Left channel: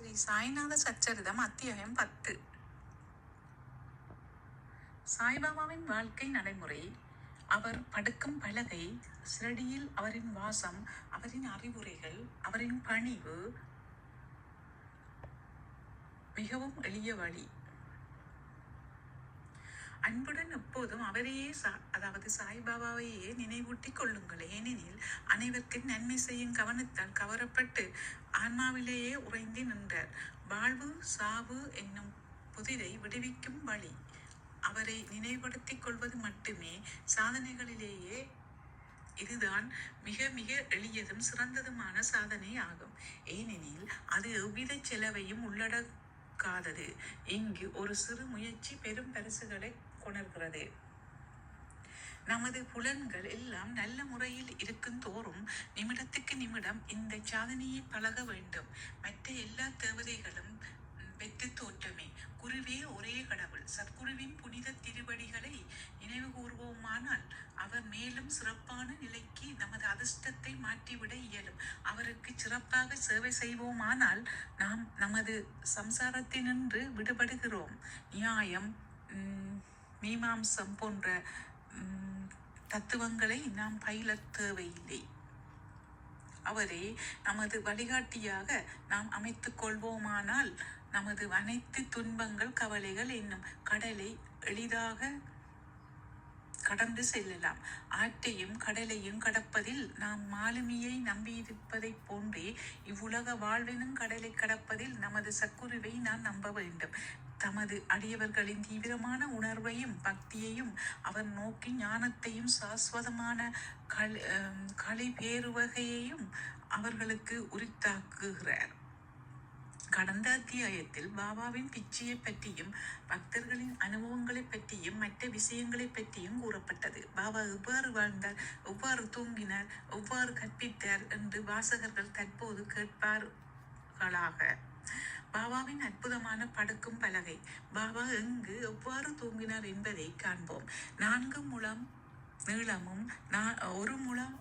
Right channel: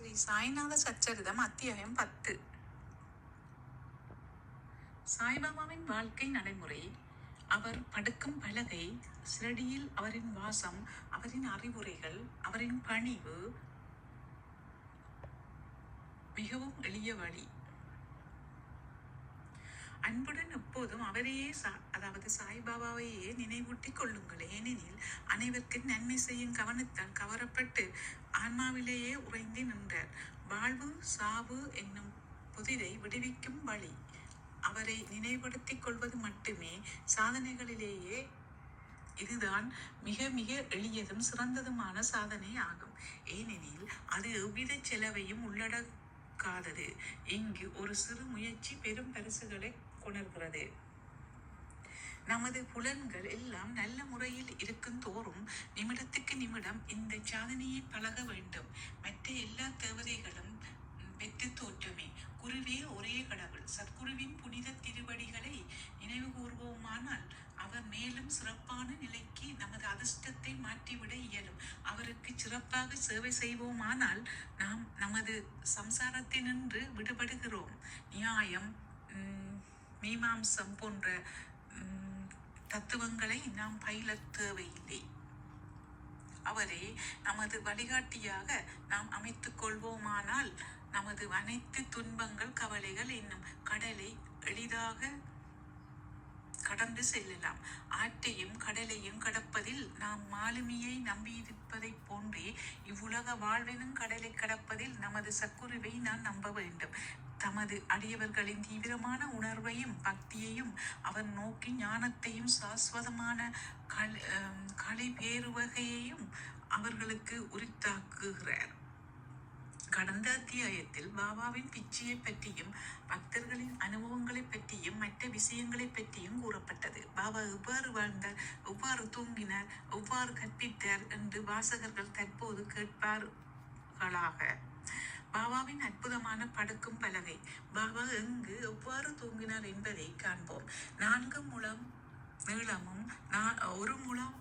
ஸ்ரீ சாய்நாத சச்சரிதம் அத்தியாயம் பத்து. சாய்பாபாவின் வாழ்க்கை நடைமுறை அவர் படுக்கும் பலகை சிரடியில் அவரின் வாசம் அவரின் அறிவுரைகள் அவரின் பணிவு மிகவும் எளிய வழி. அன்புடன் எப்போதும் அவரையே சா- அதாவது சாய்பாபாவையே நினைவூட்டிக் கொள்ளுங்கள். ஏனெனில் அனைவருக்கும் நன்மை செய்யும் கவனத்தால் கவரப்பட்டு ஆன்மாவிலேயே உறைந்து நின்றார். வாழ்வு சாவு என்னும் புதிரை விடுவிக்கும் வழி. அவரை நினைவுபடுத்திக் கொள்வது மட்டுமே சாதனைகளிலேயே இதுதான் மிக மிக எளியதும் சிறந்ததுமான சாதனை ஆகும். ஏனெனில் அது எவ்வித செலவையும் உள்ளடக்காதது. இங்கு ஒரு சிறு முயற்சி பெரும் பரிசுகளை கொணர்கிறது. நமது புலன்கள் எல்லாம் நல்ல முறையில் இருக்கும் தோறும் நிமிடத்துக்கு நிமிடம் இந்த சாதனையை பழக வேண்டும். மற்ற எல்லா தேவதைகளும் வெற்றி தோற்றமே. குருவே ஒரே கடவுள். சத்குருவின் புனித திருவடிகளை நினைவு கூர்வோமானால் அவர் மேலும் சிறப்பான நிலைக்கு நமது அதிர்ஷ்டத்தை மாற்றிவிட இயலும். அவருக்கு சிறப்பாக சேவை செய்வோமானால் நாம் நமது சம்சாரத்தினின்று விடுபடுகிறோம். நியாயம் உம் மீமாம்சம் போன்ற தத்துவங்களை நாம் பயிலத் தேவையில்லை. அவரை நமது வழிகாட்டியாக நாம் அமைத்துக் கொள்வோமானால் நமது அனைத்து துன்பங்கள் கவலைகள் என்னும் கடலை எளிதாக கடந்து செல்லலாம். ஆற்றையும் கடலையும் கடப்பதில் நாம் மாலுமியை நம்பியிருப்பதைப் போன்றே இவ்வுலக வாழ்வினும் கடலை கடப்பதில் நமது சக்குருவை நாம் நம்ப வேண்டும். தமது அடியவர்களின் தீவிரமான உணர்வையும் பக்தியையும் அவர் நோக்கி ஞானத்தையும் சாஸ்வதமான களி அம், பேருவகையையும் அவர்களுக்கு உரித்தாக்குகிறார். கடந்த அத்தியாயத்தில் பாபாவின் பிச்சையை பற்றியும் பக்தர்களின் அனுபவங்களை பற்றியும் மற்ற விஷயங்களை பற்றியும் கூறப்பட்டது. பாபா எவ்வாறு வாழ்ந்தார் எவ்வாறு தூங்கினார் எவ்வாறு கற்பித்தார் என்று வாசகர்கள் தற்போது கேட்பார்களாக. பாபாவின் அற்புதமான படுக்கும் பலகை. பாபா எங்கு எவ்வாறு தூங்கினார் என்பதை காண்போம். நான்கு முழம் நீளமும் ஒரு முழம்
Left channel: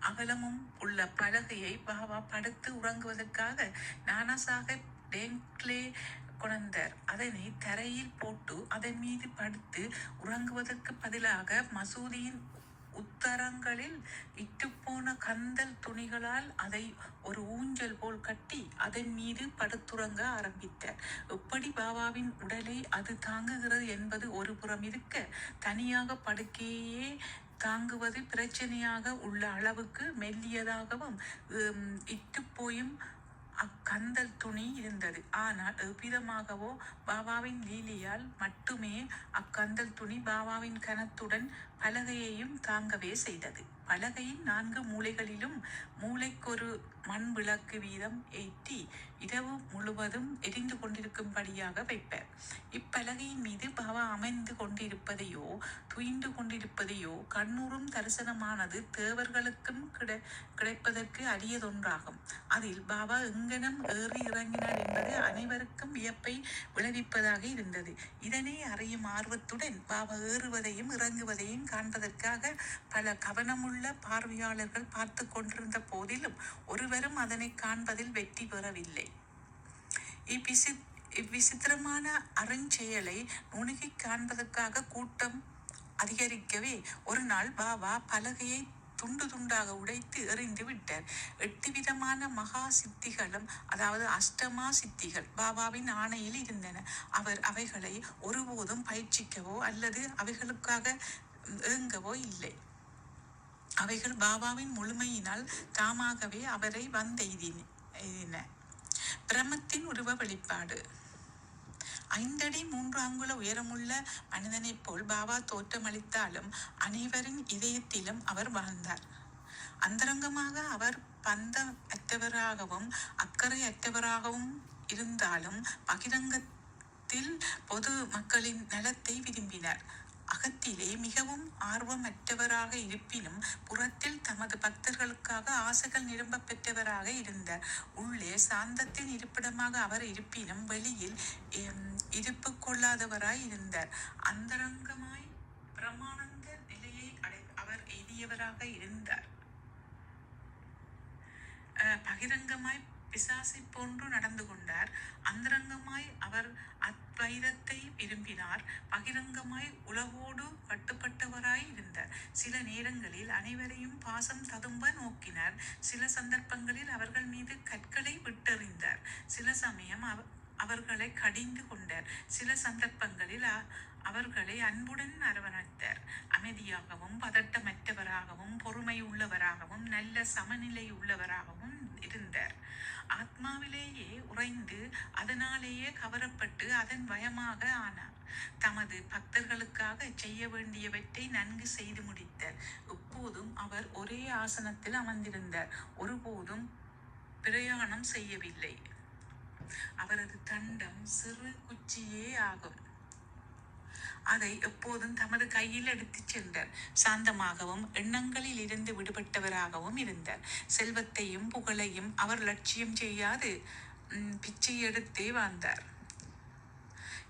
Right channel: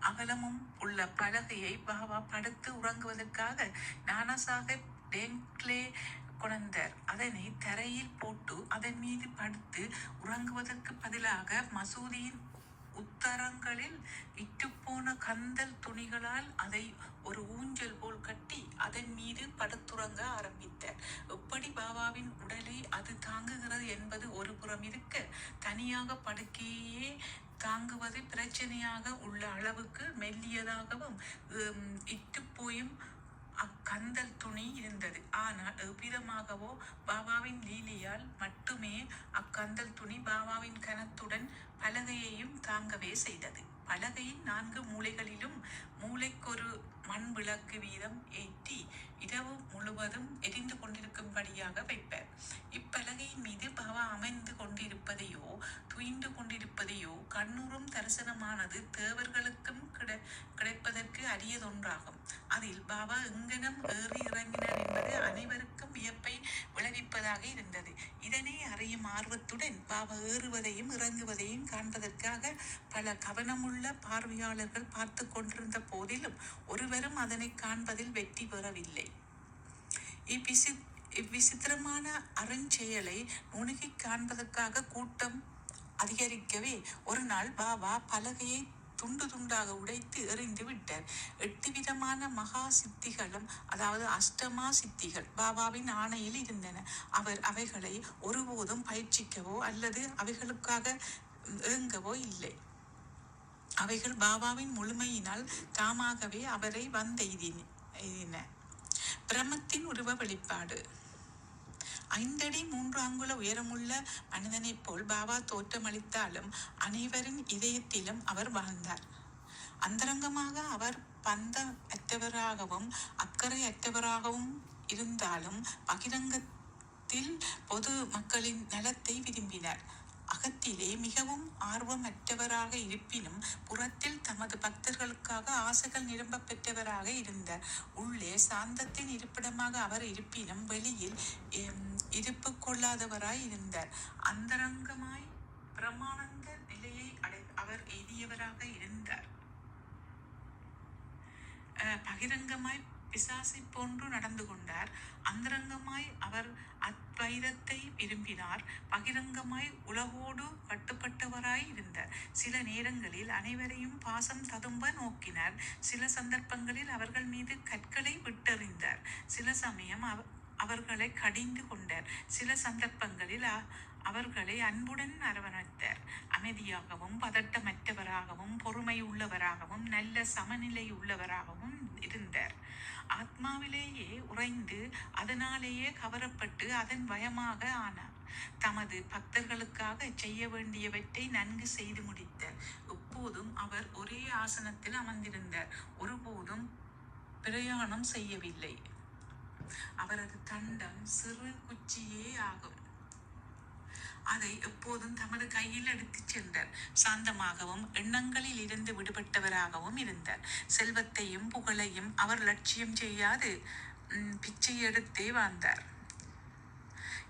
அகலமும் உள்ள பலகையை பாபா படுத்து உறங்குவதற்காக நானாசாஹிப் டேங்க்லே கொணர்ந்தார். அதனை தரையில் போட்டு அதன் மீது படுத்து உறங்குவதற்கு பதிலாக மசூதியின் உத்தரங்களில் விட்டுப்போன கந்தல் துணிகளால் அதை ஒரு ஊஞ்சல் உறங்க ஆரம்பித்தார் எப்படி பாபாவின் உடலை அது தாங்குகிறது என்பது ஒரு புறம் இருக்க. தனியாக படுக்கையே தாங்குவது பிரச்சனையாக உள்ள அளவுக்கு மெல்லியதாகவும் உம், இட்டுப்போயும் அக்கந்தல் துணி இருந்தது. ஆனால் எவ்விதமாகவோ பாபாவின் லீலியால் மட்டுமே அக்கந்தல் துணி பாபாவின் கனத்துடன் பலகையையும் தாங்கவே செய்தது. பலகையின் நான்கு மூலைகளிலும் மூளைக்கொரு மண் விளக்கு வீதம் ஏற்றி இரவு முழுவதும் எரிந்து கொண்டிருக்கும்படியாக வைப்பார். இப்பலகையின் மீது பாபா அமைந்து கொண்டிருப்பதையோ துயின்று கொண்டிருப்பதையோ கண்ணுறும் தரிசனமானது தேவர்களுக்கும் கிடை கிடைப்பதற்கு அரியதொன்றாகும். அதில் பாபா எங்கனம் ஏறி இறங்கினார் என்பது அனைவருக்கும் வியப்பை விளைவிப்பதாக இருந்தது. இதனை அறியும் ஆர்வத்துடன் பாபா ஏறுவதையும் இறங்குவதையும் காண்பதற்காக பல கவனமுள்ள பார்வையாளர்கள் பார்த்து கொண்டிருந்த போதிலும் ஒருவரும் அதனை காண்பதில் வெற்றி பெறவில்லை. இவ்விசி இவ்விசித்திரமான அருஞ்செயலை நுணுகி காண்பதற்காக கூட்டம் அதிகரிக்கவே ஒரு நாள் பாபா பலகையை துண்டு துண்டாக உடைத்து எறிந்து விட்டார். எட்டு விதமான மகா சித்திகளும் அதாவது அஷ்டமா சித்திகள் பாபாவின் ஆணையில் இருந்தன. அவர் அவைகளை ஒருபோதும் பயிற்சிக்கவோ அல்லது அவைகளுக்காக ஏங்கவோ இல்லை அவைகள் பாபாவின் முழுமையினால் தாமாகவே அவரை வந்தெய்தின எய்தின. பிரமத்தின் உருவ வெளிப்பாடு. ஐந்தடி மூன்று அங்குல உயரமுள்ள மனிதனைப் போல் பாபா தோற்றமளித்தாலும் அனைவரின் இதயத்திலும் அவர் வாழ்ந்தார் அந்தரங்கமாக அவர் பந்த அற்றவராகவும் அக்கறை அற்றவராகவும் இருந்தாலும் பகிரங்கத்தில் பொது மக்களின் நலத்தை விரும்பினார். அகத்திலே மிகவும் ஆர்வமற்றவராக இருப்பினும் புறத்தில் தமது பக்தர்களுக்காக ஆசைகள் நிரம்ப பெற்றவராக இருந்தார் உள்ளே சாந்தத்தின் இருப்பிடமாக அவர் இருப்பினும் வெளியில் எம், இருப்பு கொள்ளாதவராய் இருந்தார். அந்தரங்கமாய் பிரமானந்த நிலையை அடை அவர் எய்தியவராக இருந்தார். பகிரங்கமாய் பிசாசை போன்று நடந்து கொண்டார். அந்தரங்கமாய் அவர் அத்வைதத்தை விரும்பினார். பகிரங்கமாய் உலகோடு கட்டுப்பட்டவராய் இருந்தார். சில நேரங்களில் அனைவரையும் பாசம் ததும்ப நோக்கினார். சில சந்தர்ப்பங்களில் அவர்கள் மீது கற்களை விட்டறிந்தார். சில சமயம் அவ அவர்களை கடிந்து கொண்டார். சில சந்தர்ப்பங்களில் அ- அவர்களை அன்புடன் அரவணைத்தார். அமைதியாகவும் பதட்டமற்றவராகவும் பொறுமை உள்ளவராகவும் நல்ல சமநிலை உள்ளவராகவும் இருந்தார். ஆத்மாவிலேயே உறைந்து அதனாலேயே கவரப்பட்டு அதன் பயமாக ஆனார். தமது பக்தர்களுக்காக செய்ய வேண்டியவற்றை நன்கு செய்து முடித்தார். எப்போதும் அவர் ஒரே ஆசனத்தில் அமர்ந்திருந்தார். ஒருபோதும் பிரயாணம் செய்யவில்லை. அவரது தண்டம் சிறு குச்சியே ஆகும். அதை எப்போதும் தமது கையில் எடுத்துச் சென்றார். சாந்தமாகவும் எண்ணங்களில் இருந்து விடுபட்டவராகவும் இருந்தார். செல்வத்தையும் புகழையும் அவர் லட்சியம் செய்யாது பிச்சை எடுத்தே வாழ்ந்தார்.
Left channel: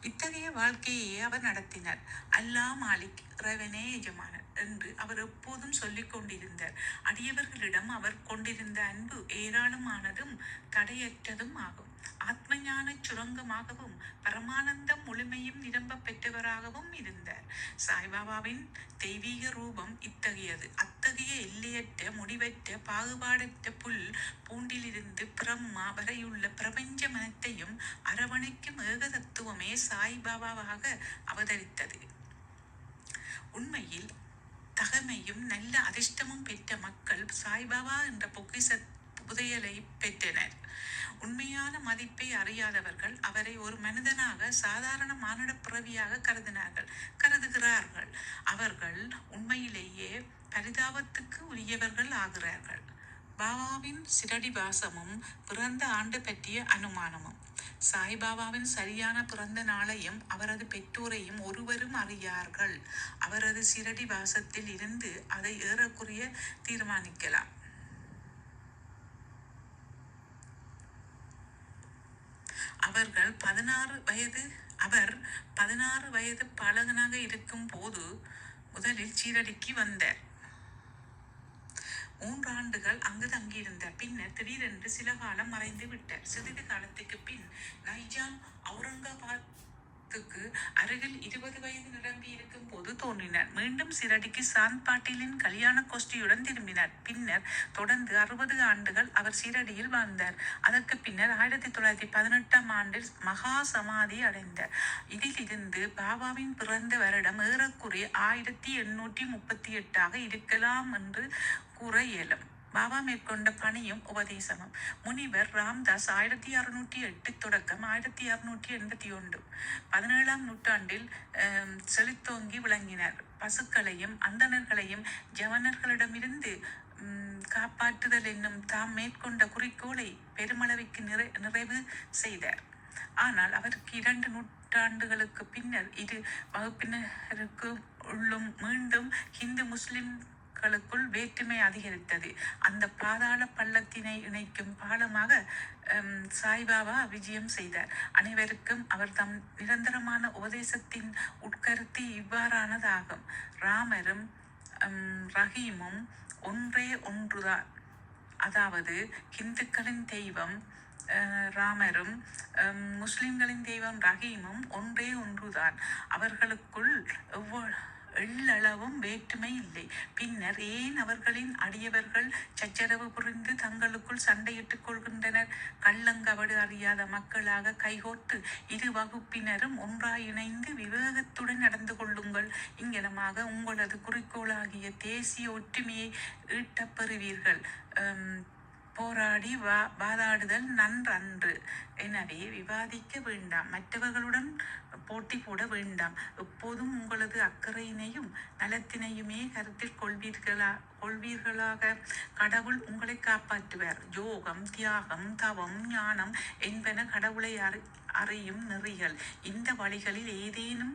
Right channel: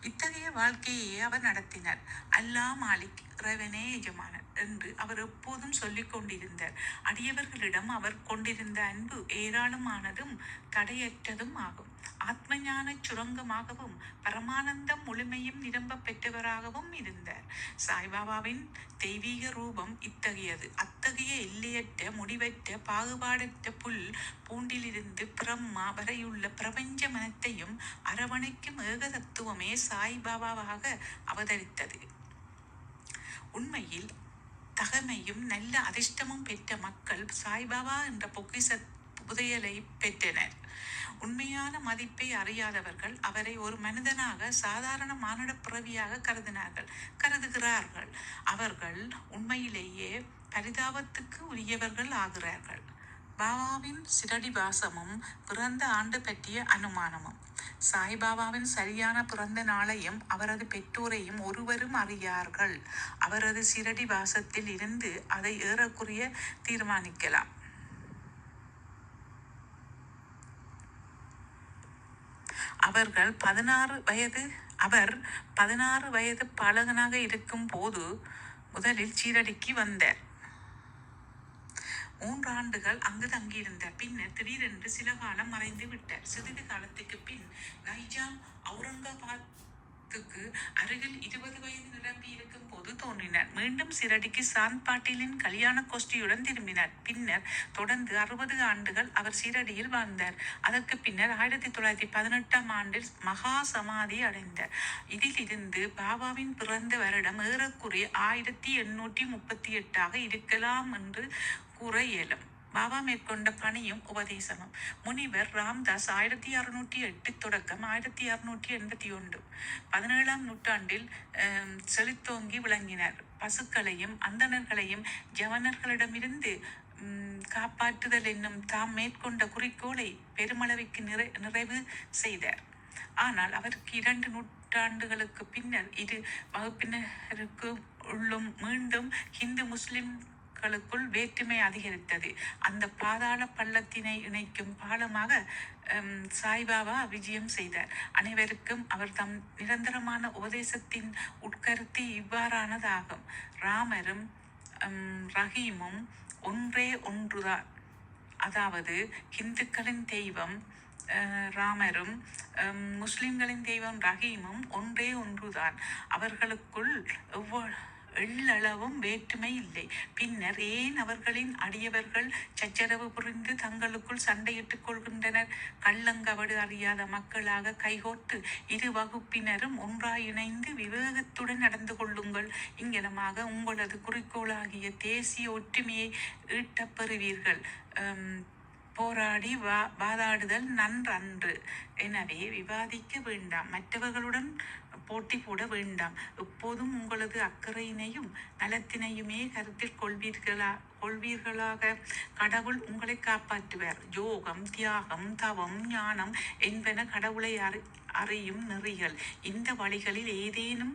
இத்தகைய வாழ்க்கையை அவர் நடத்தினார். அல்லாஹ் மாலிக் இறைவனே எஜமானர் என்று அவர் எப்போதும் சொல்லிக் கொண்டிருந்தார். அடியவர்களிடம் அவர் கொண்டிருந்த அன்பு ஏராளமானதும் தடையற்றதும் ஆகும். ஆத்மஞான சுரங்கமாகவும் பரமானந்தம் முழுமையும் நிரம்ப பெற்றவராகவும் இருந்தார். சாய்பாபாவின் தெய்வீக ரூபம் இத்தகையது. அத்தகைய எல்லையற்ற முடிவற்ற பாகுபாடற்ற புல் பூண்டிலிருந்து பிரம்மா வரையுள்ள பிரபஞ்ச மனத்தையும் அரவணைக்கும் ஏக தத்துவமே சாய்பாபாவாக அவதரித்தது. உண்மையில் தகமையும் நல்ல அதிர்ஷ்டமும் பெற்ற மக்கள் சாய்பாபா என்ற பொக்கிச புதையலை பெற்றனர். உண்மையான மதிப்பை அறியாதவர்கள் அவரை ஒரு மனிதனாக சாதாரண மானுட பிறவியாக கருதினார்கள் கருதுகிறார்கள். அவர்கள் உண்மையிலேயே பரிதாபத்துக்கு உரியவர்கள் ஆகிறார்கள். பாபாவின் சிரடி வாசமும் பிறந்த ஆண்டு பற்றிய அனுமானமும். சாய்பாபாவின் சரியான பிறந்த நாளையும் அவரது பெற்றோரையும் ஒருவரும் அறியார்கள். அவரது சிரடி வாசத்தில் இருந்து அதை ஏறக்குறைய தீர்மானிக்கலாம். அவர்கள் பதினாறு வயது அவர் பதினாறு வயது பாலகனாக இருக்கும் போது முதலில் சீரடிக்கு வந்தார். மூன்று ஆண்டுகள் அங்கு தங்கியிருந்த. பின்னர் திடீரென்று சில காலம் மறைந்து விட்டார். சிறிது காலத்துக்கு பின் நைஜாம் அவுரங்காபாத்துக்கு அருகில் இருபது வயது நிரம்பி இருக்கும் போது தோன்றினார். மீண்டும் சிரடிக்கு சாந்த் பாட்டீலின் கல்யாண கோஷ்டியுடன் திரும்பினார். பின்னர் தொடர்ந்து அறுபது ஆண்டுகள் அவர் சீரடியில் வாழ்ந்தார். அதற்கு பின்னர் ஆயிரத்தி தொள்ளாயிரத்தி பதினெட்டாம் ஆண்டில் மகா சமாதி அடைந்தார். இதிலிருந்து பாபாவின் பிறந்த வருடம் ஏறக்குறைய ஆயிரத்தி எண்ணூற்றி முப்பத்தி எட்டாக இருக்கலாம் என்று கூற இயலும் பாபா மேற்கொண்ட பணியும் உபதேசமும். முனிவர் ராம்தாஸ் ஆயிரத்தி அறுநூற்றி எட்டு தொடக்கம் ஆயிரத்தி அறுநூற்றி எண்பத்தி ஒன்று. பதினேழாம் நூற்றாண்டில் செழித்தோங்கி விளங்கினார். பசுக்களையும் அந்தணர்களையும் ஜவனர்களிடமிருந்து காப்பாற்றுதல் என்னும் தாம் மேற்கொண்ட குறிக்கோளை பெருமளவிற்கு நிறை நிறைவு செய்தார். ஆனால் அவருக்கு இரண்டு நூற்றாண்டுகளுக்கு பின்னர் இரு வகுப்பினருக்கு உள்ளும் மீண்டும் ஹிந்து மக்களுக்குள் வேற்றுமை அதிகரித்தது. அந்த பாதாள பள்ளத்தினை இணைக்கும் பாலமாக சாய்பாபா விஜயம் செய்தார். அனைவருக்கும் அவர் தம் நிரந்தரமான உபதேசத்தின் உட்கருத்து இவ்வாறானதாகும். ராமரும் ரஹீமும் ஒன்றே ஒன்றுதான். அதாவது இந்துக்களின் தெய்வம் ராமரும் முஸ்லிம்களின் தெய்வம் ரஹீமும் ஒன்றே ஒன்றுதான். அவர்களுக்குள் எவ்வ- எள்ளளவும் வேற்றுமை இல்லை. பின்னர் ஏன் அவர்களின் அடியவர்கள் சச்சரவு புரிந்து தங்களுக்குள் சண்டையிட்டுக் கொள்கின்றனர்? கள்ளங்கவடு அறியாத மக்களாக கைகோர்த்து இரு வகுப்பினரும் ஒன்றாய் இணைந்து விவேகத்துடன் நடந்து கொள்ளுங்கள். இங்கனமாக உங்களது குறிக்கோளாகிய தேசிய ஒற்றுமையை ஈட்டப்பெறுவீர்கள் போராடி வா வாதாடுதல் நன்றன்று. எனவே விவாதிக்க வேண்டாம். மற்றவர்களுடன் போட்டி போட வேண்டாம். எப்போதும் உங்களது அக்கறையினையும் நலத்தினையுமே கருத்தில் கொள்வீர்களா கொள்வீர்களாக? கடவுள் உங்களை காப்பாற்றுவார். யோகம் தியாகம் தவம் ஞானம் என்பன கடவுளை அறி அறியும் நெறிகள். இந்த வழிகளில் ஏதேனும்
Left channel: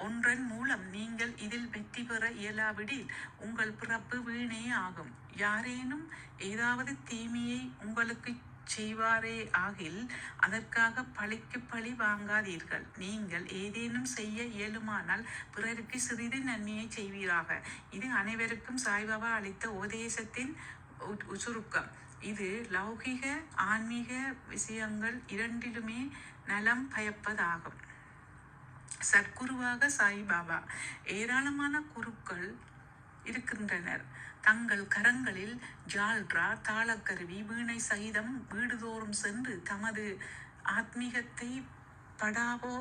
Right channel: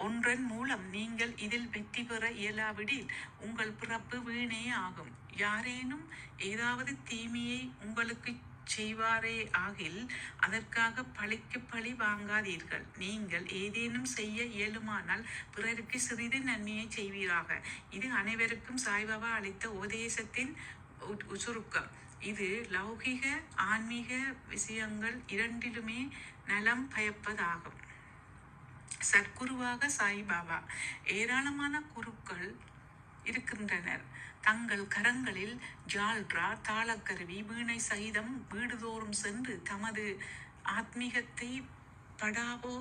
ஒன்றன் மூலம் நீங்கள் இதில் வெற்றி பெற இயலாவிடில் உங்கள் பிறப்பு வீணே ஆகும். யாரேனும் ஏதாவது தீமையை உங்களுக்கு செய்வாரே ஆகில் அதற்காக பழிக்கு பழி வாங்காதீர்கள். நீங்கள் ஏதேனும் செய்ய இயலுமானால் பிறருக்கு சிறிது நன்மையை செய்வீராக. இது அனைவருக்கும் சாய்பாபா அளித்த உபதேசத்தின் உ- சுருக்கம். இது லௌகிக ஆன்மீக விஷயங்கள் இரண்டிலுமே நலம் பயப்பதாகும். சத்குருவாக சாய்பாபா. ஏராளமான குருக்கள் இருக்கின்றனர். தங்கள் கரங்களில் ஜால்ரா தாளக்கருவி வீணை சகிதம் வீடுதோறும் சென்று தமது ஆத்மீகத்தை படாவோ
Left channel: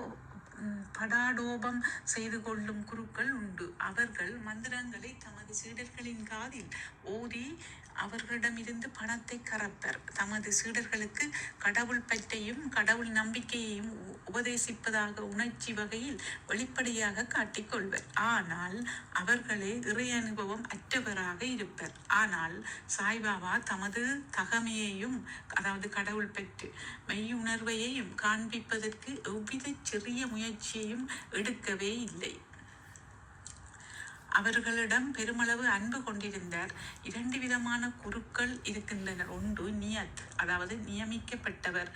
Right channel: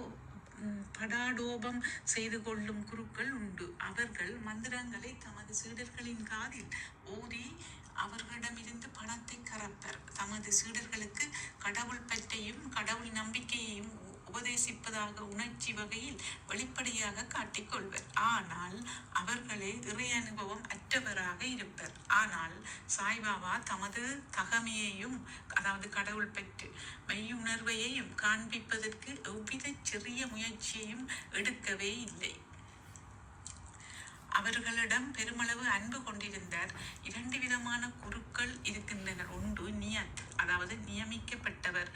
படாடோபம் செய்து கொள்ளும் குருக்கள் உண்டு. அவர்கள் மந்திரங்களை தமது சீடர்களின் காதில் ஓதி அவர்களிடமிருந்து பணத்தை கறப்பர். தமது சீடர்களுக்கு கடவுள் பற்றையும் கடவுள் நம்பிக்கையையும் உ- உபதேசிப்பதாக உணர்ச்சி வகையில் வெளிப்படையாக காட்டிக்கொள்வர். ஆனால் அவர்களே இறை அனுபவம் அற்றவராக இருப்பர். ஆனால் சாய்பாபா தமது தகமையையும் அதாவது கடவுள் பெற்று மெய்யுணர்வையையும் காண்பிப்பதற்கு எவ்வித சிறிய முயற்சியையும் எடுக்கவே இல்லை. அவர்களிடம் பெருமளவு அன்பு கொண்டிருந்தார். இரண்டு விதமான குருக்கள் இருக்கின்றனர். ஒன்று நியத் அதாவது நியமிக்கப்பட்டவர்.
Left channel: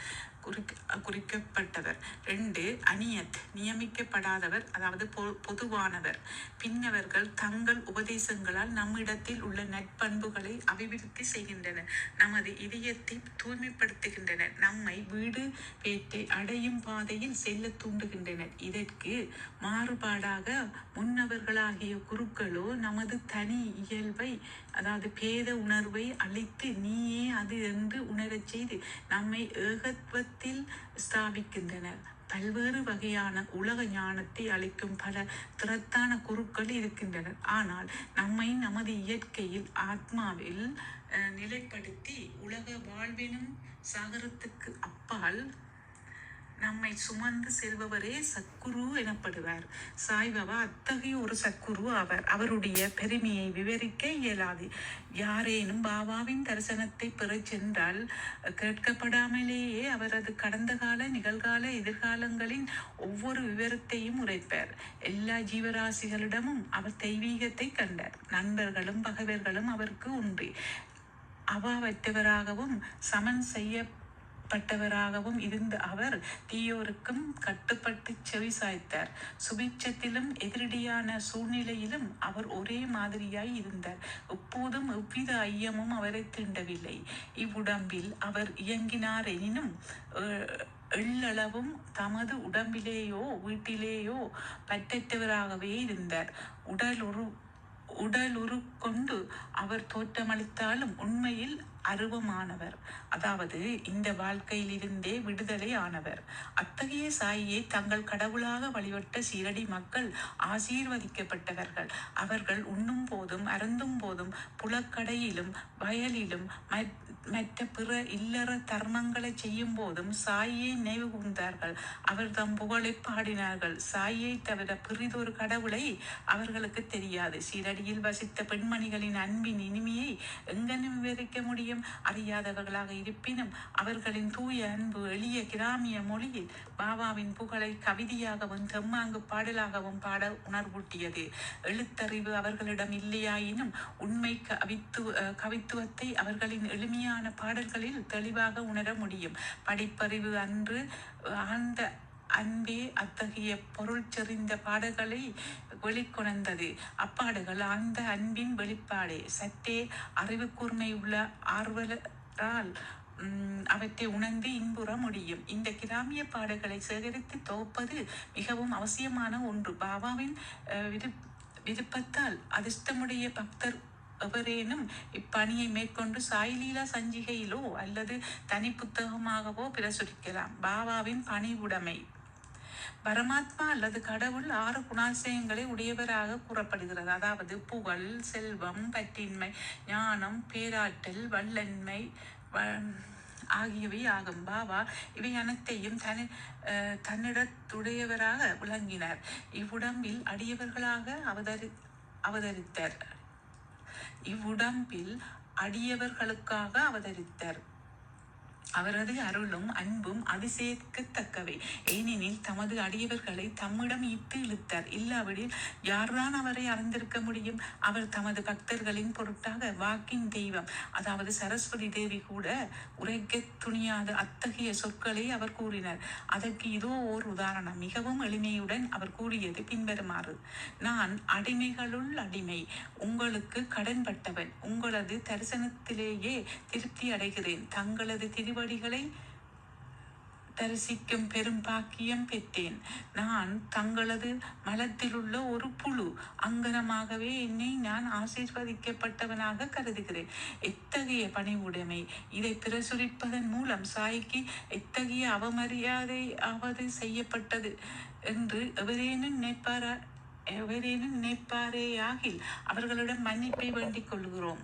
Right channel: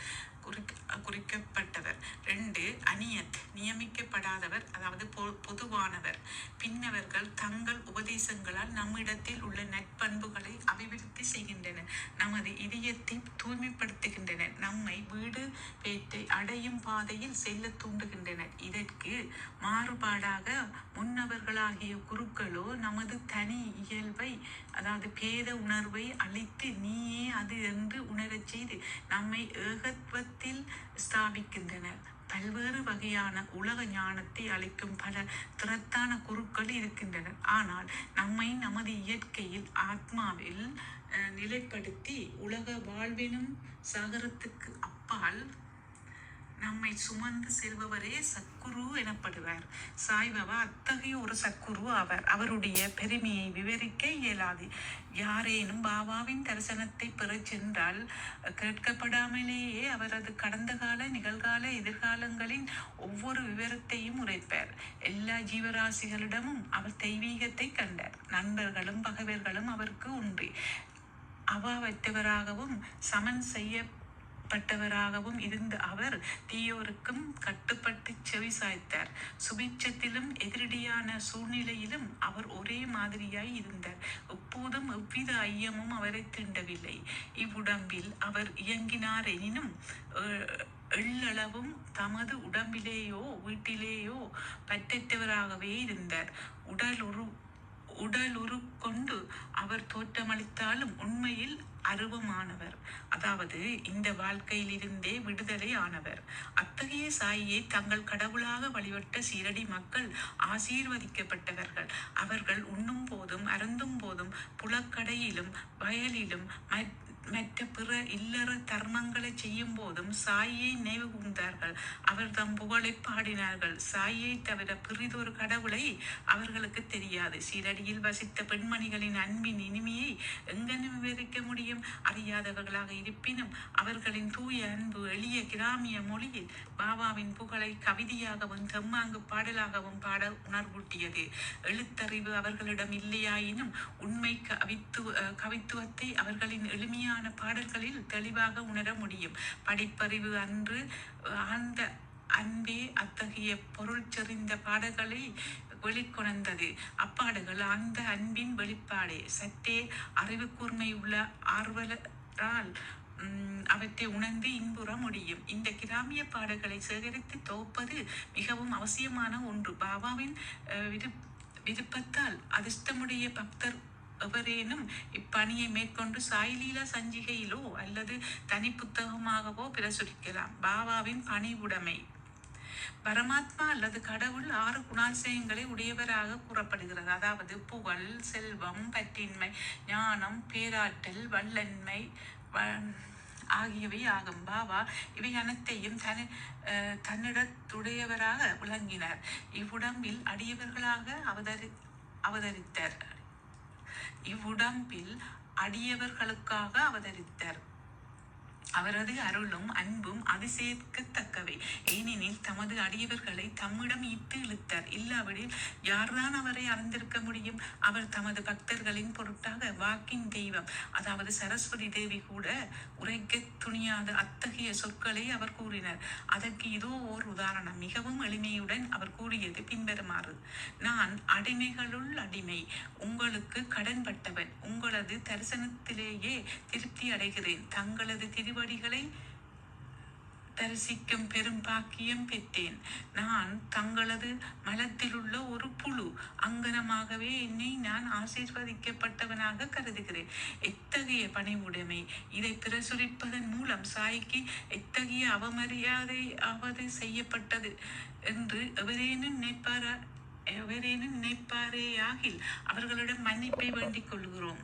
குறிக்கப்பட்டவர். ரெண்டு அநியத் நியமிக்கப்படாதவர் அதாவது பொ- பொதுவானவர். பின்னவர்கள் தங்கள் உபதேசங்களால் நம்மிடத்தில் உள்ள நற்பண்புகளை அபிவிருத்தி செய்கின்றனர். நமது இதயத்தை தூய்மைப்படுத்துகின்றனர். நம்மை வீடு பேட்டை அடையும் பாதையில் செல்ல தூண்டுகின்றனர். இதற்கு மாறுபாடாக முன்னவர்களாகிய குருக்களோ நமது தனி இயல்பை அதாவது பேத உணர்வை அழித்து நீயே அது என்று உணரச் செய்து நம்மை ஏகத்துவத்தில் ஸ்தாபிக்கின்றனர். பல்வேறு வகையான உலக ஞானத்தை அளிக்கும் பல திறத்தான குருக்கள் இருக்கின்றனர். ஆனால் நம்மை நமது இயற்கையில் ஆத்மாவில் நிலைப்படுத்தி உலக வாழ்வினும் சாகரத்துக்கு அப்பால் நம்மை சுமந்து செல்பவரே சக்குரு எனப்படுவார். சாய்பாபா அத்தகைய ஒரு சக்குரு அவர் அவருடைய பெருமையை விவரிக்க இயலாது. யாரேனும் பாபாவின் தரிசனத்தை பெறச் சென்றால் கேட்கப்படாமலேயே அவரது கடந்த கால நிகழ்கால எதிர்காலங்களின் ஒவ்வொரு விவரத்தையும் உரைப்பார். எல்லா ஜீவராசிகளிடமும் அவர் தெய்வீகத்தை கண்டார். நண்பர்களும் பகைவர்களும் அவருக்கு உண்டு. அவாவற்றவராகவும் சமன் செய்ய கட்டுப்பட்டவராகவும் இருந்த அவர் தீயோருக்கும் கட்டுப்பட்டு செவி சாய்த்தார். சுபிட்சத்திலும் எதிரடியான சூழ்நிலையிலும் அவர் ஒரே மாதிரியாய் இருந்தார். எப்போதும் எவ்வித ஐயமும் அவரை தீண்டவில்லை. இவ்வுடம்பில் அவர் இயங்கினார் எனினும் எள்ளளவும் தமது உடம்பிலேயோ வீட்டிலேயோ பற்றற்றவராகவே இருந்தார். உடல் உரு உடலுரு கொண்டு அவர் தோற்றமளித்தாலும் உண்மையில் அருவமானவர். அதாவது இந்த வாழ்க்கையிலிருந்தே விடுதலை ஆனவர். அத்தகைய சாயியை தங்கள் கடவுளாக வழிபட்ட சீரடி மக்கள் ஆசீர்வதிக்கப்பட்டவர்கள். அவர்கள் உண்ணும் போதும் அருந்தும் போதும் புலக்கடையிலும் வயலிலும் மற்ற மற்ற பிற இல்லற தர்மங்களை செய்யும் போதும் சாயை நினைவு கூர்ந்தார்கள். அவர் தம் புகழை பாடினார்கள். சாயை தவிர பிறிதொரு கடவுளை அவர்களுக்கு தெரியாது. சீரடியில் வசித்த பெண்மணிகளின் அன்பின் இனிமையை எங்கெனும் விவரிக்க முடியும்? அறியாதவர்களாக இருப்பினும் அவர்களின் தூய அன்பு எளிய கிராமிய மொழியில் பாபாவின் புகழை கவிதையாகவும் தெம்மாங்கு பாடலாகவும் பாட உணர்வூட்டியது. எழுத்தறிவு அவர்களிடம் இல்லையாயினும் உண்மை கவித்து கவித்துவத்தை அவர்களின் எளிமையான பாடல்களில் தெளிவாக உணர முடியும். படிப்பறிவு அன்று ஆழ்ந்த அன்பே அத்தகைய பொருள் செறிந்த பாடல்களை வெளிக்கொணர்ந்தது. அப்பாடுகள் அந்த அன்பின் வெளிப்பாடே. சற்றே அறிவு கூர்மை உள்ள ஆர்வலரால் அவற்றை உணர்ந்து இன்புற முடியும். இந்த கிராமிய பாடல்களை சேகரித்து தொகுப்பது மிகவும் அவசியமான ஒன்று. பாபாவின் விரு- விருப்பத்தால் அதிர்ஷ்டமுடைய பக்தர் எவரேனும் இப்பணியை மேற்கொண்டு சாய்லீலா சஞ்சிகையிலோ அல்லது தனி புத்தகமாகவோ பிரசுரிக்கலாம். பாபாவின் பணிவுடைமை பரமாத்மா அல்லது கடவுள் ஆறு குணாசயங்களை உடையவராக கூறப்படுகிறது. அதாவது புகழ் செல்வம் பற்றின்மை ஞானம் பேராற்றல் வல்லன்மை வ- ஆகியவை ஆகும். பாபா இவை அனைத்தையும் தனி தன்னிடத்துடையவராக விளங்கினார். இவ்வுடம்பில் அடியவர்களாக அவதரி அவதரித்தார். இவ்வுடம்பில் அடியவர்களுக்காக அவதரித்தார். அவரது அருளும் அன்பும் அதிசயிக்கத்தக்கவை ஏனெனில் தமது அடியவர்களை தம்மிடம் இட்டு இழுத்தார். இல்லாவிடில் யார்தான் அவரை அறிந்திருக்க முடியும்? அவர் தமது பக்தர்களின் பொருட்டாக வாக்கின் தெய்வம். அதாவது சரஸ்வதி தேவி கூட உரைக்க துணியாத அத்தகைய சொற்களை அவர் கூறினார். அதற்கு இதோ ஓர் உதாரணம். மிகவும் எளிமையுடன் அவர் கூறியது பின்வருமாறு. நான் அடிமைகளுள் அடிமை. உங்களுக்கு கடன்பட்டவன். உங்களது தரிசனத்திலேயே திருப்தி அடைகிறேன். தங்களது திருவடிகளை தரிசிக்கும் பெரும் பாக்கியம் பெற்றேன். நான் தங்களது மலத்திலுள்ள ஒரு புழு அங்கனமாகவே என்னை நான் ஆசீர்வதிக்கப்பட்டவனாக கருதுகிறேன். எத்தகைய பணிவுடைமை? இதை பிரசுரிப்பதன் மூலம் சாய்க்கு எத்தகைய அவமரியாதை ஆவது செய்யப்பட்டது என்று எவரேனும் நினைப்பாரா எவரேனும் நினைப்பாரேயாகில் அவர்களிடம் மன்னிப்பை வேண்டிக் கொள்கிறோம்.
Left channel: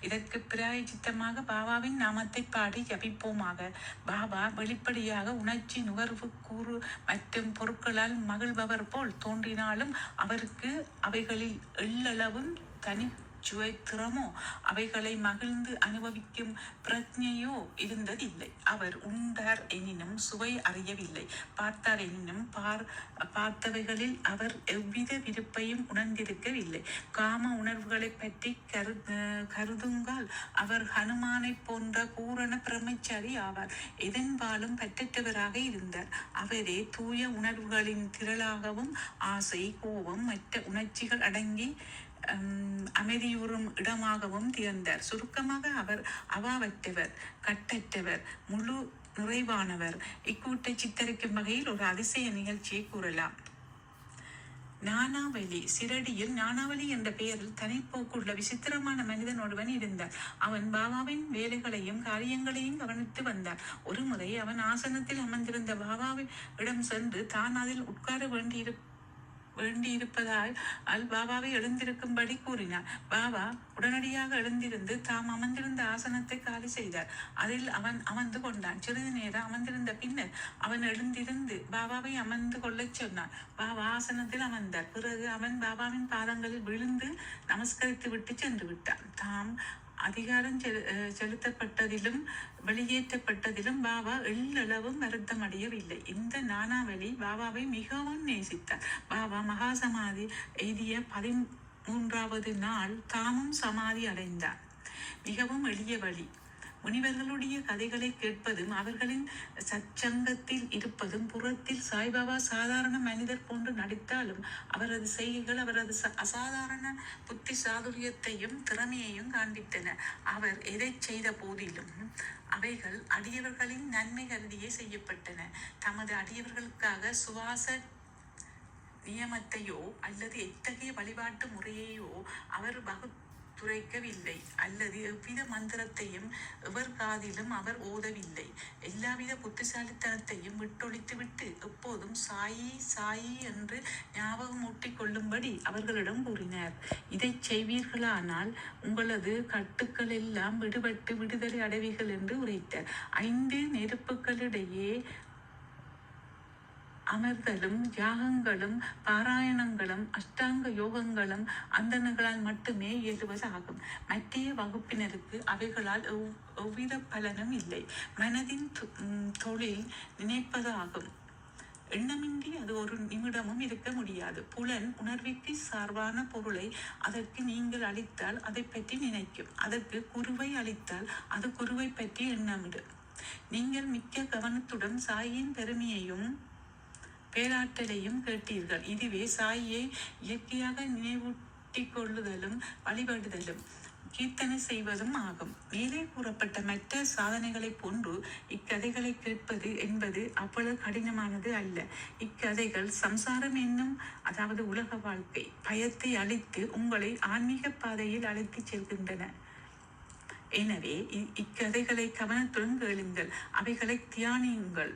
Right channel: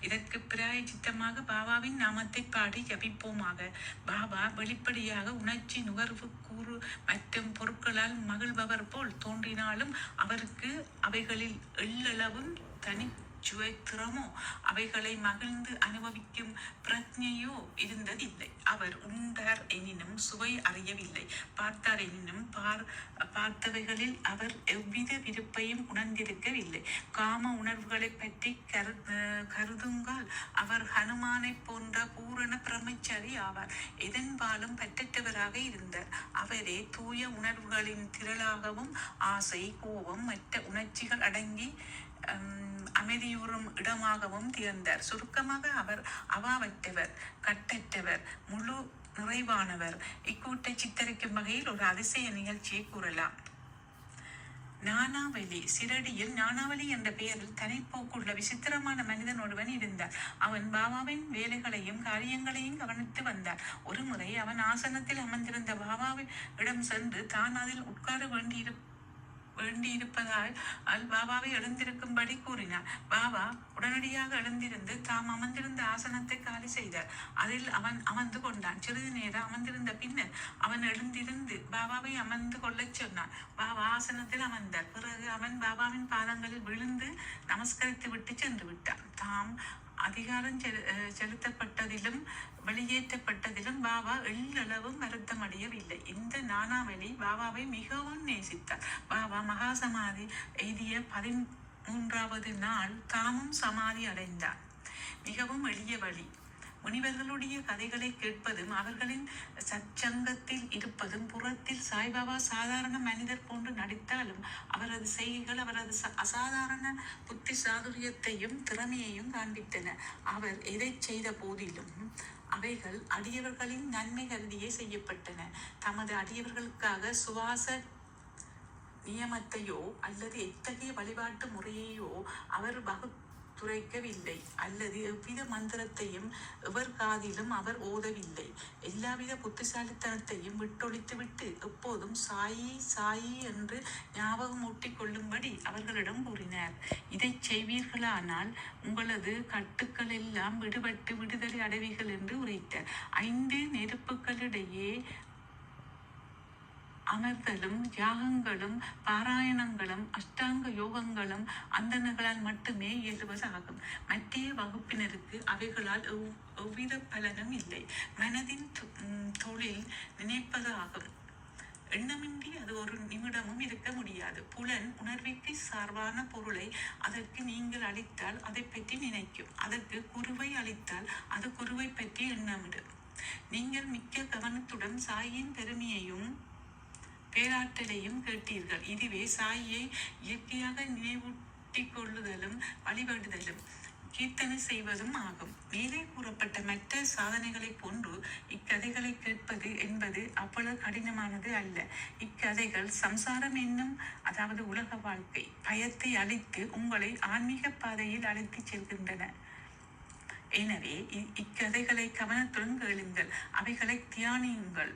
இதற்கு பிராயச்சித்தமாக பாபாவின் நாமத்தை பாடி ஜபிப்போமாக. பாபா வெளிப்படையாக உணர்ச்சி நுகர்வு கூறு மற்றும் பொருட்களால் மகிழ்பவர் போல் தோன்றினாலும் அவருக்கு அவைகளில் எள்ளளவும் தனி சுவைத்திறமோ அவைகளை மகிழ்ந்து அனுபவிக்கும் பிரஜையோ இருந்ததில்லை. அவர் உண்டார் எனினும் சுவை அறியவில்லை. பார்த்தார் எனினும் பார் பார்த்தவைகளில் அவர் எவ்வித விருப்பையும் உணர்ந்திருக்கவில்லை. காம உணர்வுகளை பற்றி கரு கருதுங்கள் அவர் ஹனுமானை போன்ற பூரண பிரம்மச்சாரி ஆவார். எதன்பாலும் பற்றற்றவராக இருந்தார். அவரே தூய உணர்வுகளின் திரளாகவும் ஆசை கோபம் மற்ற உணர்ச்சிகள் அடங்கி அமைதியுறும் இடமாகவும் திகழ்ந்தார். சுருக்கமாக அவர் அவாவற்றவர் கட்டற்றவர் முழு நிறைவானவர். இக்கூட்டை சித்தரிக்கும் வகையில் ஒரு அதிசய நிகழ்ச்சியை கூறலாம். நானாவலி சிரடியில் நானாவலி என்ற பெயரில் தனிப்போக்குள்ள விசித்திரமான மனிதன் ஒருவன் இருந்தார். அவன் பாபாவின் வேலைகளையும் காரியங்களையும் கவனித்து வந்தான் ஒரு முறை அவன் ஆசனத்தில் அமர்ந்திருந்த பாபாவின் இடம் சென்று தான் அதில் உட்கார வேண்டியிருக்கும் வேண்டியிருப்பதால் அல் பாபாவை எழுந்திருக்கும்படி கூறினார். பாபா உடனடியாக எழுந்திருந்து தாம் அமர்ந்திருந்த ஆசனத்தை காலி செய்தார். அதில் அவன் அமர்ந்து கொண்டான். சிறிது நேரம் அமர்ந்திருந்த பின்னர் அவன் எழுந்திருந்து பாபாவை அமர்ந்து கொள்ளச் சொன்னான். பாபா ஆசனத்தில் அமர்ந்தார். பிறகு அவன் பாபாவின் பாதங்களில் விழுந்து நமஸ்கரித்து விட்டு சென்று விட்டான். தாம் அதிகாரம் செலு- அஹ் செலுத்தப்பட்டதிலும் வெளியேற்றப்பட்டதிலும் பாபா எள்ளளவும் வருத்தம் அடையவில்லை இந்த நானாவலி பாபாவை மிகவும் நேசித்தார். பாபா மகாசமாதி எய்திய பதிமூன்றாவது நாள் தாமும் சமாதி அடைந்தார். மிகவும் எளிய வழி. முனிவர்களுடைய கதைகளை கேட்பதும் அவர்களின் சச்சங்கத்தில் இருப்பதும் புறத்தில் சாய்பாபா சாதாரண மனிதர் போன்று நடித்தாலும் அவரது செய்கைகள் அவரது ச- அசாதாரண புத்தி சாதுரியத்தையும் திறமையையும் காண்பித்தன. அவர் எதை செய்த போதிலும் அவைகள் அடியவர்களின் நன்மை கருதியே செய்யப்பட்டன. தமது அடியவர்களுக்காக சுவாச நியமத்தையோ அல்லது எத்தகைய வழிபாட்டு முறையையோ அவர் துரைக்கவில்லை. அல்லது எவ்வித மந்திரத்தையும் எவர் காதிலும் அவர் ஓதவில்லை. எல்லாவித புத்திசாலித்தனத்தையும் விட்டொழித்துவிட்டு எப்போதும் சாயி சாயி என்று ஞாபகம் ஊட்டிக் கொள்ளும்படி அவர்களிடம் கூறினார். இதைச் செய்வீர்களானால் உங்களது கட்டுக்கள் எல்லாம் விடுபட்டு விடுதலை அடைவீர்கள் என்று உரைத்தார். ஐந்து நெருப்புகளிடையே அமர்த்தலும் யாகங்களும் பாராயணங்களும் அஷ்டாங்க யோகங்களும் அந்தனர்களால் மட்டுமே இயலுவதாகும் மத்திய வகுப்பினருக்கு அவைகளால் எவ்வித பலனும் இல்லை. மனதின் தொழில் நினைப்பது ஆகும். எண்ணமின்றி அது ஒரு நிமிடமும் இருக்க முடியாது. புலன் உணர்விற்கு சார்பான பொருளை அதற்கு நீங்கள் அளித்தால் அதை பற்றி நினைக்கும். அதற்கு குருவை அளித்தால் அது குருவை பற்றி எண்ணமிடும் நீங்கள் மிக்க கவனத்துடன் சாயின் பெருமையையும் பேராற்றலையும் கேட்டீர்கள். இதுவே சாயை இயற்கையாக நினைவூட்டிக் கொள்ளுதலும் வழிபடுதலும் கீர்த்தனை செய்வதும் ஆகும். மேலே கூறப்பட்ட மற்ற சாதனைகளைப் போன்று இக்கதைகளை கேட்பது என்பது அவ்வளவு கடினமானது அல்ல. இக்கதைகள் சம்சாரம் என்னும் அதாவது உலக வாழ்க்கை பயத்தை அழித்து உங்களை ஆன்மீக பாதையில் அழைத்துச் செல்கின்றன. எனவே இ- இக்கதைகளை கவனத்துடன் கேளுங்கள். அவைகளை தியானியுங்கள்.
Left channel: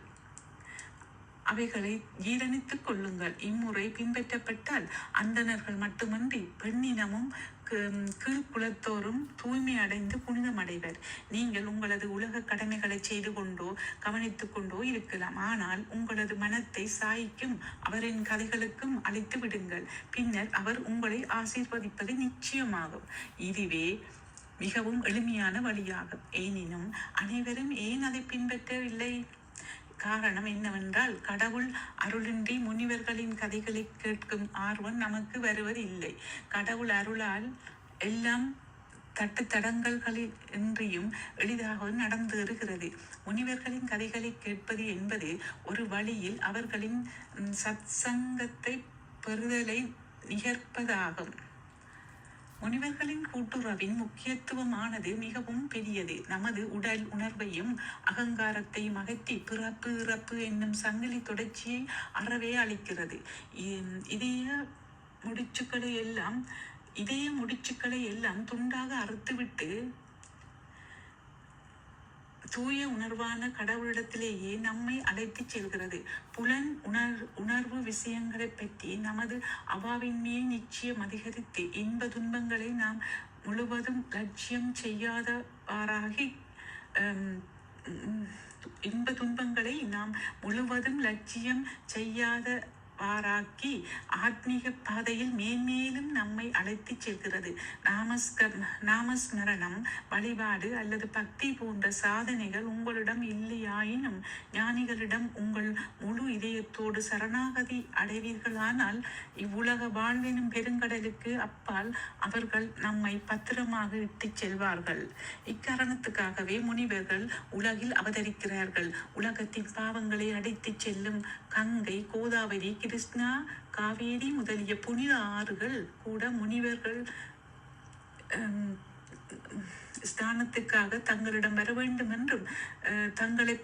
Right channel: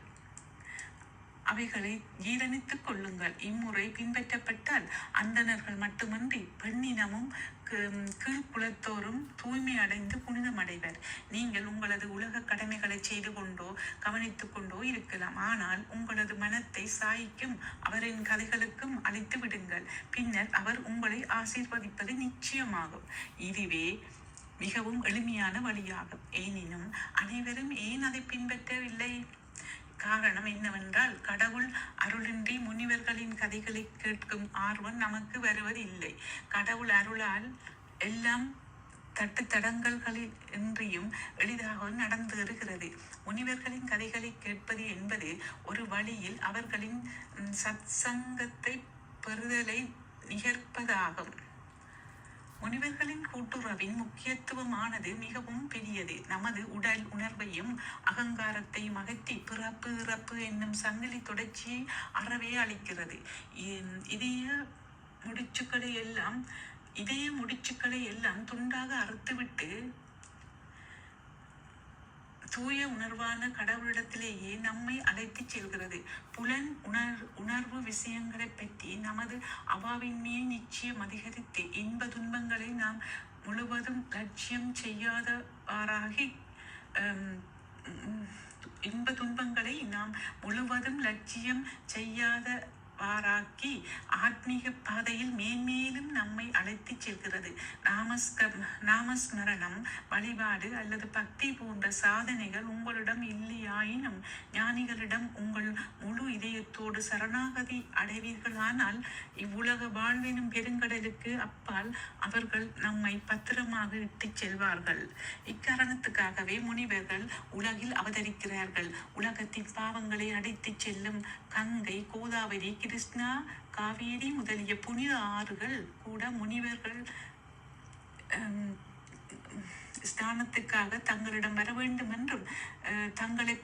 அவைகளை ஜீரணித்துக் கொள்ளுங்கள். இம்முறை பின்பற்றப்பட்டால் அந்தணர்கள் மட்டுமின்றி பெண்ணினமும் கீழ்குலத்தோறும் தூய்மை அடைந்து புனிதமடைவர் நீங்கள் உங்களது உலக கடமைகளை செய்து கொண்டோ கவனித்துக் கொண்டோ இருக்கலாம். ஆனால் உங்களது மனத்தை சாய்க்கும் அவரின் கதைகளுக்கும் அழைத்து விடுங்கள். பின்னர் அவர் உங்களை ஆசீர்வதிப்பது நிச்சயமாகும். இதுவே மிகவும் எளிமையான வழியாகும். எனினும் அனைவரும் ஏன் அதை பின்பற்றவில்லை? காரணம் என்னவென்றால் கடவுள் அருளின்றி முனிவர்களின் கதைகளை கேட்கும் ஆர்வம் நமக்கு வருவதில்லை. கடவுள் அருளால் எல்லாம் தட்டு தடங்கல்களில் இன்றியும் எளிதாக நடந்தேறுகிறது முனிவர்களின் கதைகளை கேட்பது என்பது ஒரு வழியில் அவர்களின் சத்சங்கத்தை பெறுதலை நிகர்ப்பதாகும். முனிவர்களின் கூட்டுறவின் முக்கியத்துவமானது மிகவும் பெரியது. நமது உடல் உணர்வையும் அகங்காரத்தையும் அகற்றி பிறப்பு இறப்பு என்னும் சங்கிலி தொடர்ச்சியை அறவே அளிக்கிறது. இ- இதய முடிச்சுக்களை எல்லாம் இதய முடிச்சுக்களை எல்லாம் துண்டாக அறுத்துவிட்டு தூய உணர்வான கடவுளிடத்திலேயே நம்மை அழைத்துச் செல்கிறது. புலன் உணர் உணர்வு விஷயங்களை பற்றி நமது அவாவின்மையை நிச்சயம் அதிகரித்து இன்ப துன்பங்களை நாம் முழுவதும் லட்சியம் செய்யாதவாறாகி இன்ப துன்பங்களை நாம் முழுவதும் லட்சியம் செய்யாத செய்யாதவாறாக்கி ஆத்மீக பாதையில் மேன்மேலும் நம்மை அழைத்து செல்கிறது. நாமஸ்கர் நாமஸ்மரணம் வழிபாடு அல்லது பக்தி போன்ற சாதனைகள் உங்களிடம் இல்லையாயினும் ஞானிகளிடம் உங்கள் முழு இதயத்தோடு சரணாகதி அடைவீர்களானால் இவ்வுலக வாழ்வினும் பெருங்கடலுக்கு அப்பால் அவர்கள் நம்மை பத்திரமாக இட்டுச் செல்வார்கள். இக்காரணத்துக்காகவே முனிவர்கள் உலகில் அவதரிக்கிறார்கள். உலகத்தின் பாவங்களை அடித்துச் செல்லும் கங்கை கோதாவரி கிருஷ்ணா காவேரி முதலிய புனித ஆறுகள் கூட முனிவர்கள் ஹம், ஸ்தானத்துக்காக தங்களிடம் வர வேண்டும் என்றும் அஹ், தங்களை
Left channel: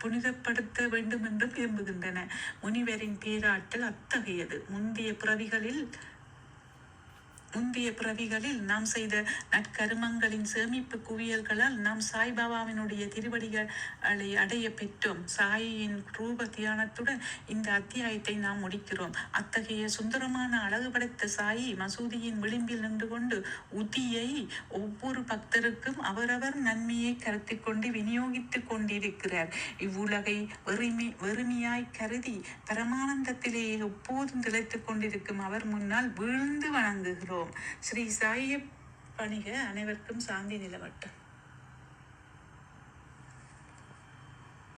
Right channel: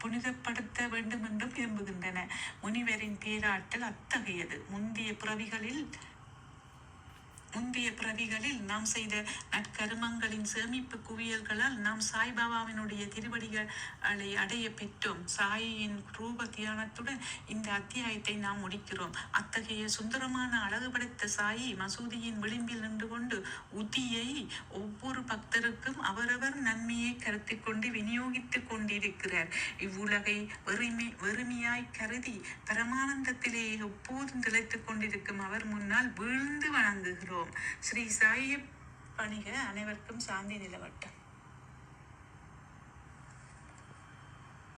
புனிதப்படுத்த வேண்டும் என்றும் விரும்புகின்றன. முனிவரின் பேராற்றல் அத்தகையது. முந்தைய பிறவிகளில் முந்தைய பிறவிகளில் நாம் செய்த நற்கருமங்களின் சேமிப்பு குவியல்களால் நாம் சாய்பாபாவினுடைய திருவடிகளை அடைய பெற்றோம். சாயின் ரூப தியானத்துடன் இந்த அத்தியாயத்தை நாம் முடிக்கிறோம். அத்தகைய சுந்தரமான அழகு படைத்த சாயி மசூதியின் விளிம்பில் நின்று கொண்டு உதியை ஒவ்வொரு பக்தருக்கும் அவரவர் நன்மையை கருத்தில் கொண்டு விநியோகித்துக் கொண்டிருக்கிறார். இவ்வுலகை வெறுமை வெறுமையாய் கருதி பரமானந்தத்திலேயே எப்போதும் திளைத்துக் கொண்டிருக்கும் அவர் முன்னால் வீழ்ந்து வணங்குகிறோம். ஸ்ரீ சாயி பணிக அனைவருக்கும் சாந்தி நிலவட்டம்.